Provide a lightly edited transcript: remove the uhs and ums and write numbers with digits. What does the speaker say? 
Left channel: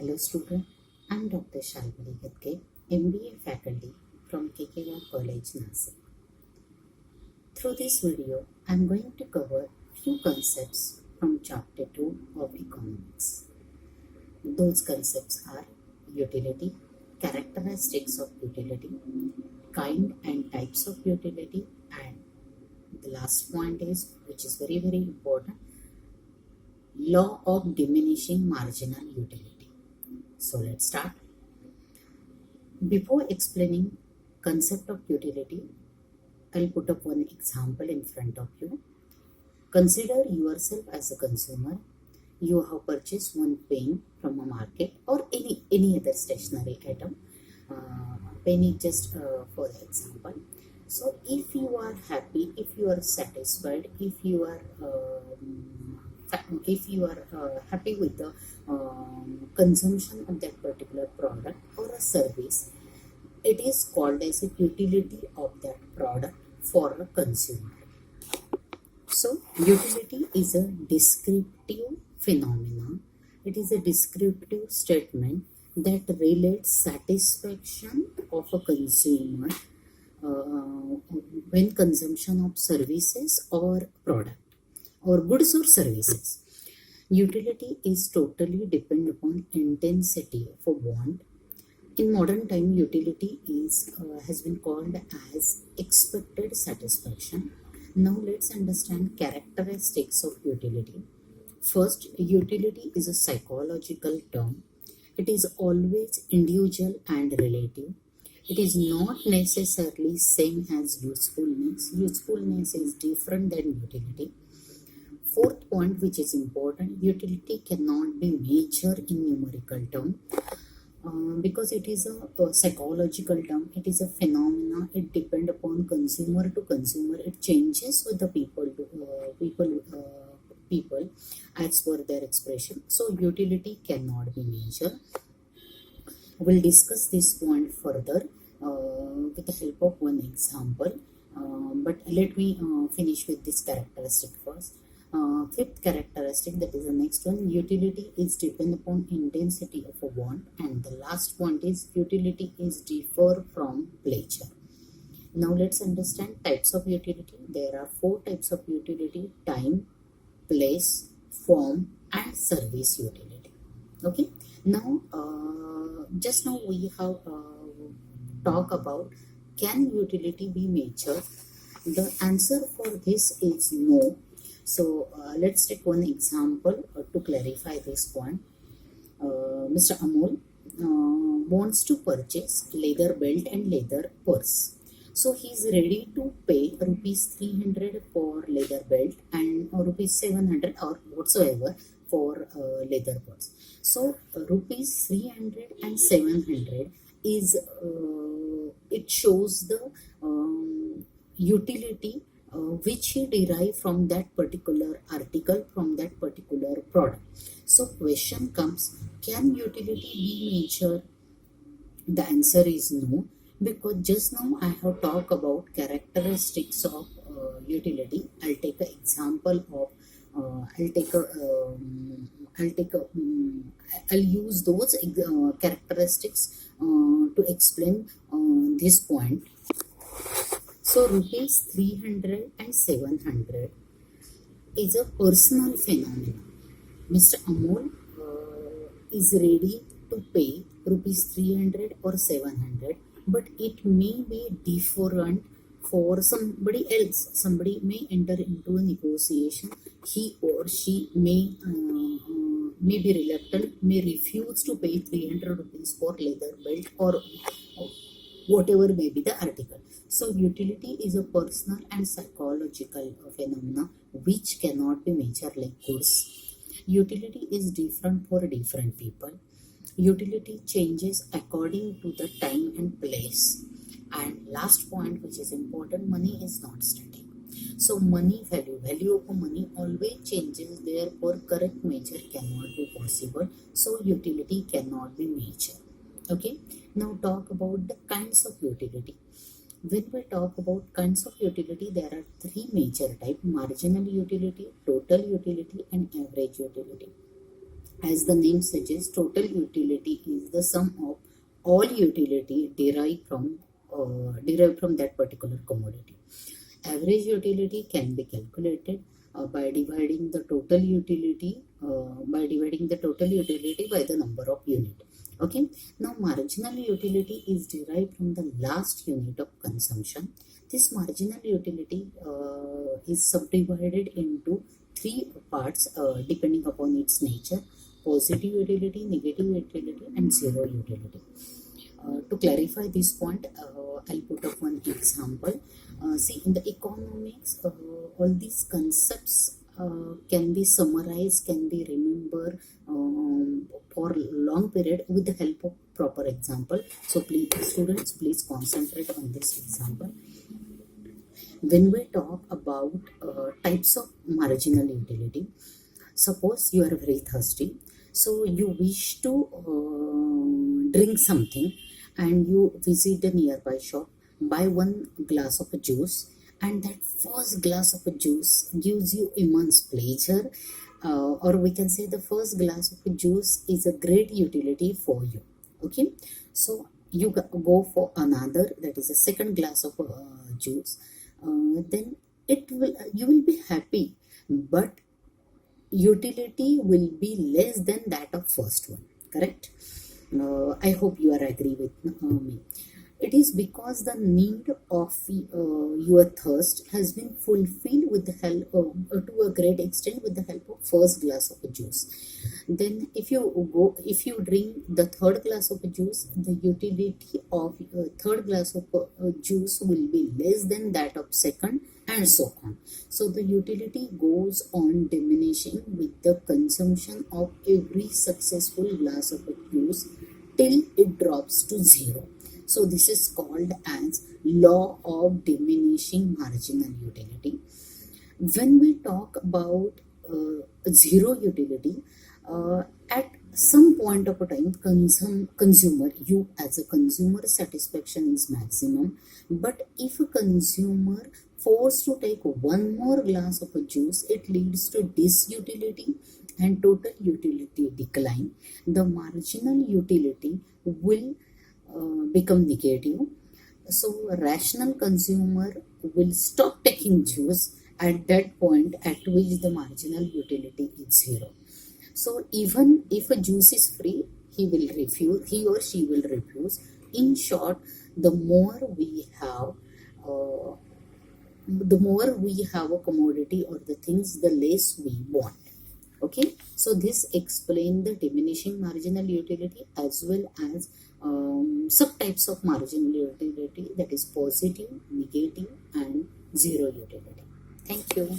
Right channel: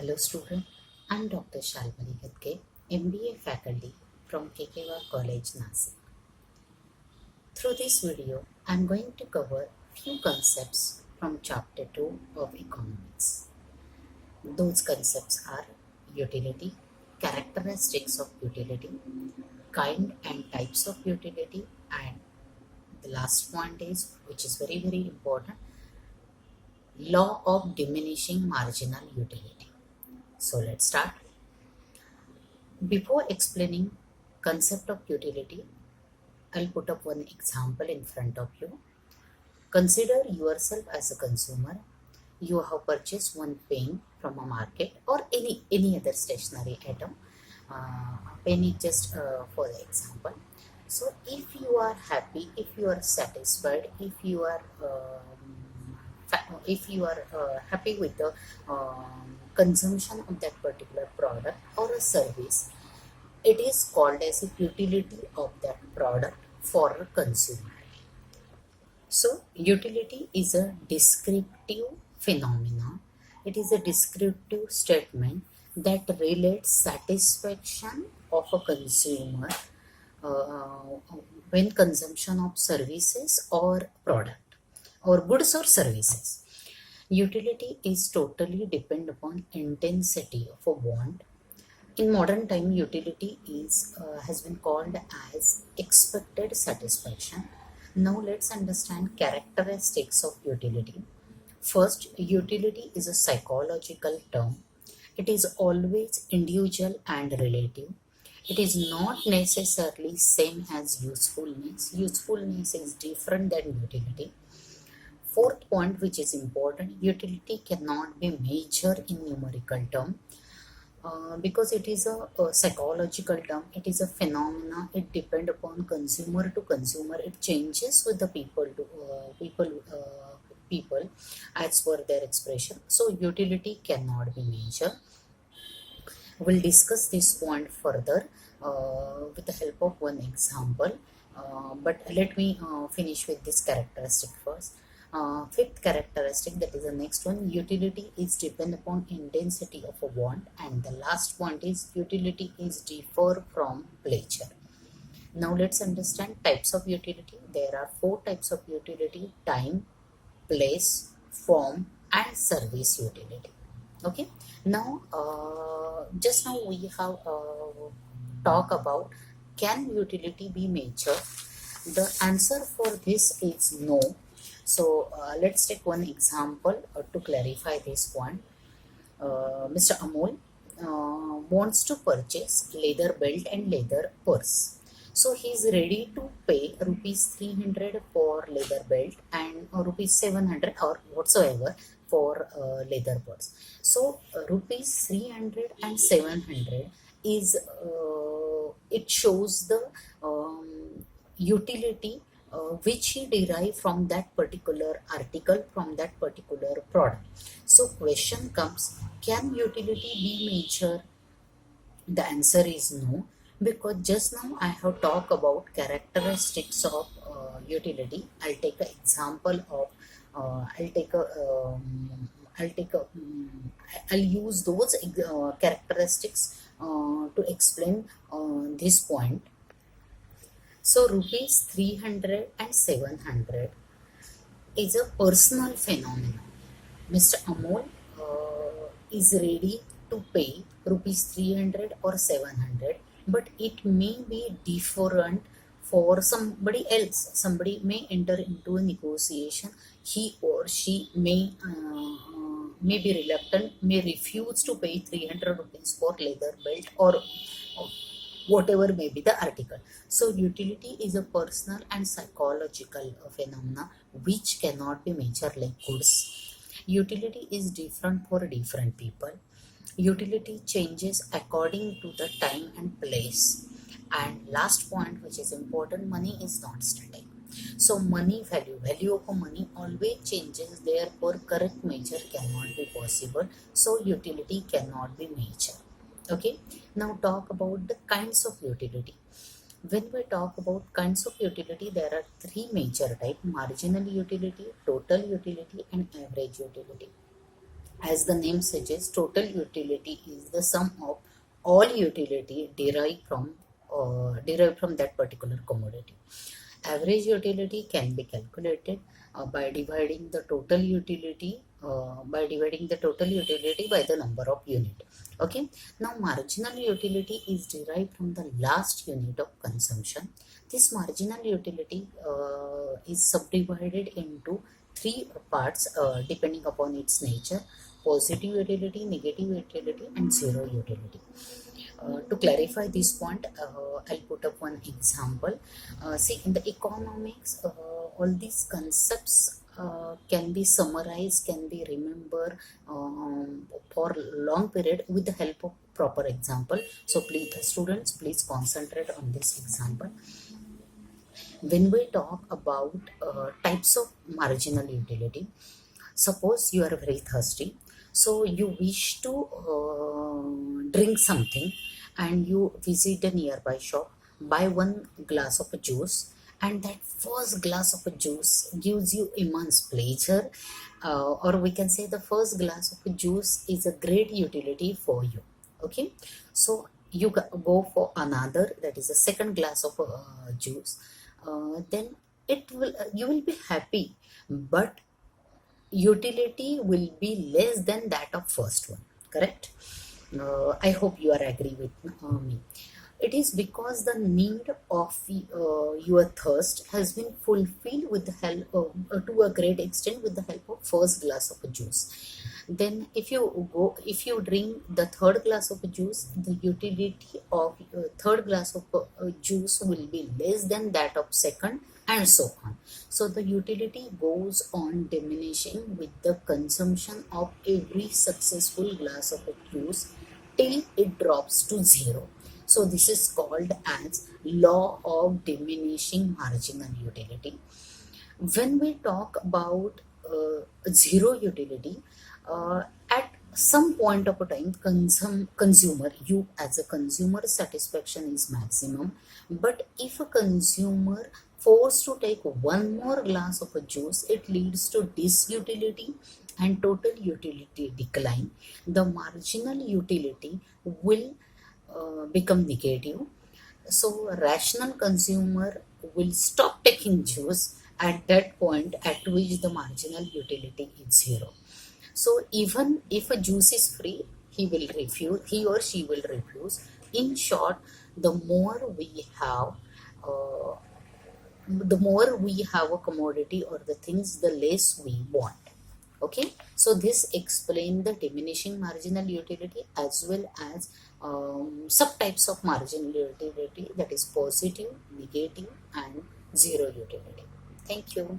Hello student, I'm Dr. Shalmali Gadge, MBA faculty from KKV College, Nasik. Through this video, I'm going to cover few concepts from chapter 2 of economics. Those concepts are utility, characteristics of utility, kind and types of utility, and the last point is, which is very important, law of diminishing marginal utility. So let's start. Before explaining concept of utility, I'll put up one example in front of you. Consider yourself as a consumer. You have purchased one pen from a market or any other stationery item. Pen is just for the example. So if you are happy, if you are satisfied, if you are happy with the consumption of that particular product or a service, it is called as a utility of that product for a consumer. So utility is a descriptive phenomena. It is a descriptive statement that relates satisfaction of a consumer when consumption of services or product or goods or services. Utility is totally depend upon intensity of a want. In modern time, utility has been called as expected satisfaction. Now let's understand characteristics of utility. First, utility is a psychological term. It is always individual and relative. It is not necessarily same as usefulness. Usefulness is different than utility. Fourth point, which is important, utility cannot be measured in numerical term. Because it is a psychological term, it is a phenomena. It depends upon consumer to consumer. It changes with the people to people as per their expression. So utility cannot be measured. We'll discuss this point further with the help of one example. But let me finish with this characteristic first. Fifth characteristic, that is the next one, utility is depend upon intensity of a want, and the last point is utility is differ from pleasure. Now let's understand types of utility. There are four types of utility: time, place, form, and service utility. Okay. Now just now we have talked about, can utility be measured? The answer for this is no. So let's take one example to clarify this point. Mr. Amol wants to purchase leather belt and leather purse. So he is ready to pay rupees 300 for leather belt and rupees 700 or whatsoever for leather purse. So rupees 300 and 700 is it shows the utility which he derived from that particular article, from that particular product. So question comes, can utility be measured? The answer is no, because just now I have talked about characteristics of utility. I'll take an example of I'll use those characteristics to explain this point. So rupees 300 and 700 is a personal phenomenon. Mr. Amol is ready to pay rupees 300 or 700, but it may be different for somebody else. Somebody may enter into a negotiation. He or she may be reluctant, may refuse to pay 300 rupees for leather belt or whatever may be the article. So utility is a personal and psychological phenomena which cannot be measured like goods. Utility is different for different people. Utility changes according to the time and place. And last point, which is important, money is not static. So money value of money always changes, therefore correct measure cannot be possible. So utility cannot be measured. Okay, now talk about the kinds of utility. When we talk about kinds of utility, there are three major types: marginal utility, total utility, and average utility. As the name suggests, total utility is the sum of all utility derived from that particular commodity. Average utility can be calculated by dividing the total utility by the number of unit. Okay. Now marginal utility is derived from the last unit of consumption. This marginal utility is subdivided into three parts depending upon its nature: positive utility, negative utility, and zero utility. To clarify this point, I'll put up one example. See, in the economics, all these concepts can be summarized, can be remembered for long period with the help of proper example. So please, students, please concentrate on this example. When we talk about types of marginal utility, suppose you are very thirsty, so you wish to drink something, and you visit a nearby shop, buy one glass of a juice, and that first glass of a juice gives you immense pleasure, or we can say the first glass of a juice is a great utility for you. Okay, so you go for another, that is a second glass of juice. Then it will you will be happy, but utility will be less than that of first one. Correct? I hope you are agree with me. It is because the need of your thirst has been fulfilled with the help to a great extent with the help of first glass of a juice. Then if you drink the third glass of a juice, the utility of third glass of juice will be less than that of second, and so on. So the utility goes on diminishing with the consumption of every successful glass of a juice till it drops to zero. So this is called as law of diminishing marginal utility. When we talk about zero utility, at some point of a time, consumer, you as a consumer, satisfaction is maximum. But if a consumer forced to take one more glass of a juice, it leads to disutility and total utility decline. The marginal utility will become negative. So rational consumer will stop taking juice at that point at which the marginal utility is zero. So even if a juice is free, he or she will refuse. In short, the more we have uh, a commodity or the things, the less we want. Okay, so this explains the diminishing marginal utility as well as subtypes of marginal utility, that is positive, negative, and zero utility. Thank you.